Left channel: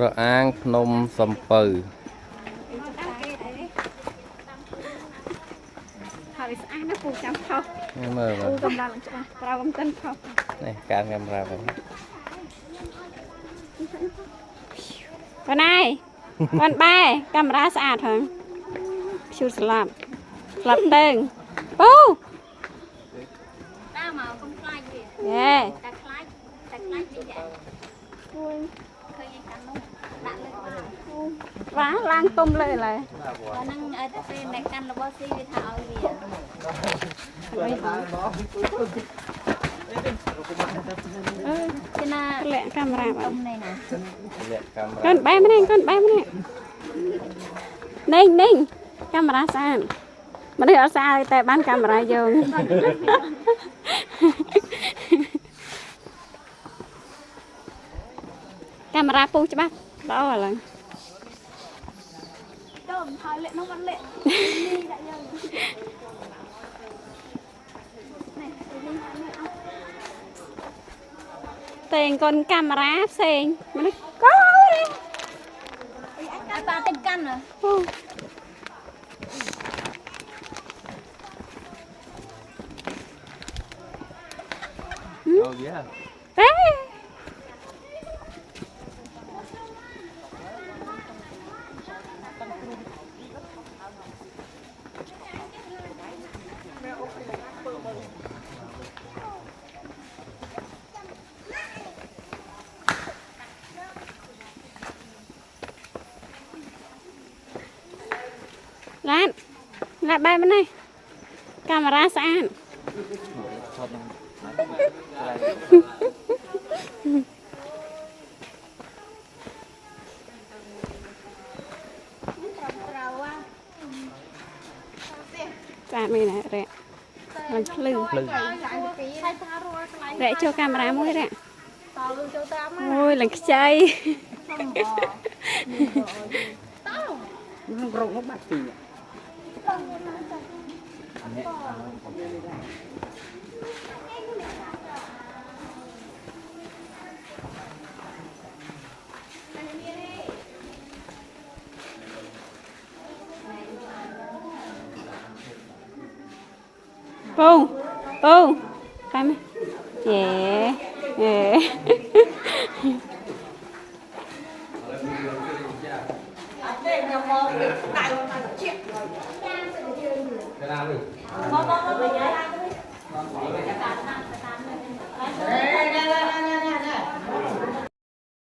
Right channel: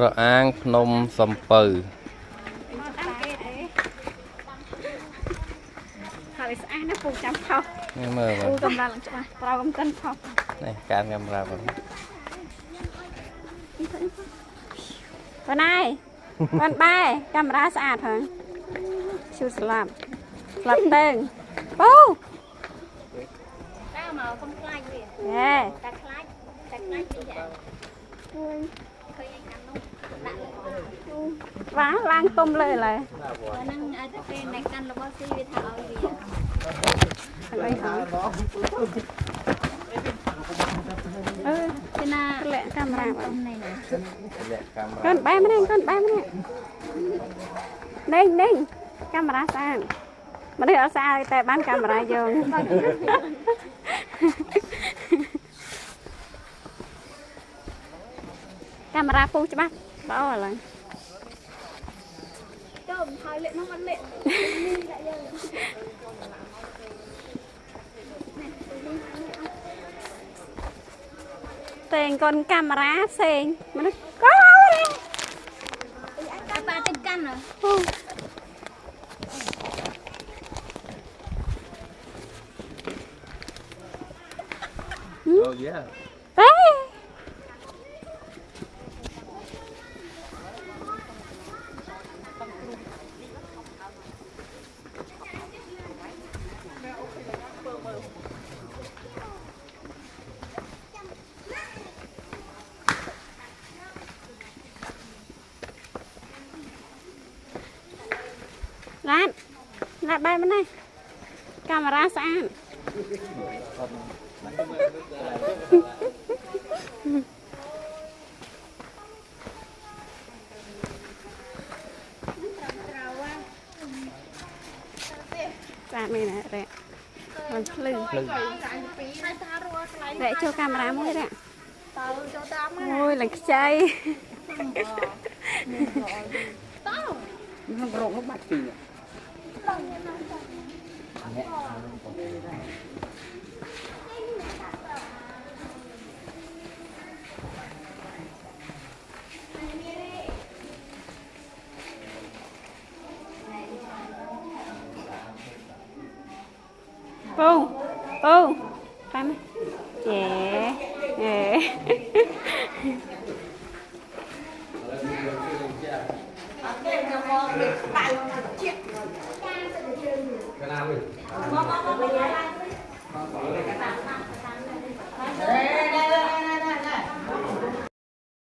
រអាងភ្នំសំពៅហើយស្អាតពូចាំខុសពូកំដៅឡើងច្បាស់ត្រូវកំដៅខុសនេះការខ្ញុំប្រាប់បងណាយបងបែកាមេរ៉ាស្អាតហ្នឹងឈូស្លាប់ទៅអូដើរមកកុំខ្លាចទៀតយេតែខ្លាចទៀតគួរឃើញខាងមុខដាក់លើបាទឡើងទុំលើឡើយបើនឹងឲ្យទៅពេលមេកាន់របស់ស៊ីវាទៅឲ្យវាអីហើយគេណាលាក់កាមេរ៉ាបងនេះណាកូនបែម្នាក់នេះកាមេរ៉ាស្អាតមនុស្សអត់ស្អាតតែបានកាមេរ៉ាយកកាមេរ៉ាពុះច្បាស់ដល់ឥឡូវតែកូនកាមេរ៉ាផ្សេងមនុស្សបានទៅកាន់ Oh yeah. Lại bay bên này camera sáng ra mình lại rẹ mình lưng rẹ cho camera mũi rẹ ôi là chơi Pô, phải không? Yeah, yeah.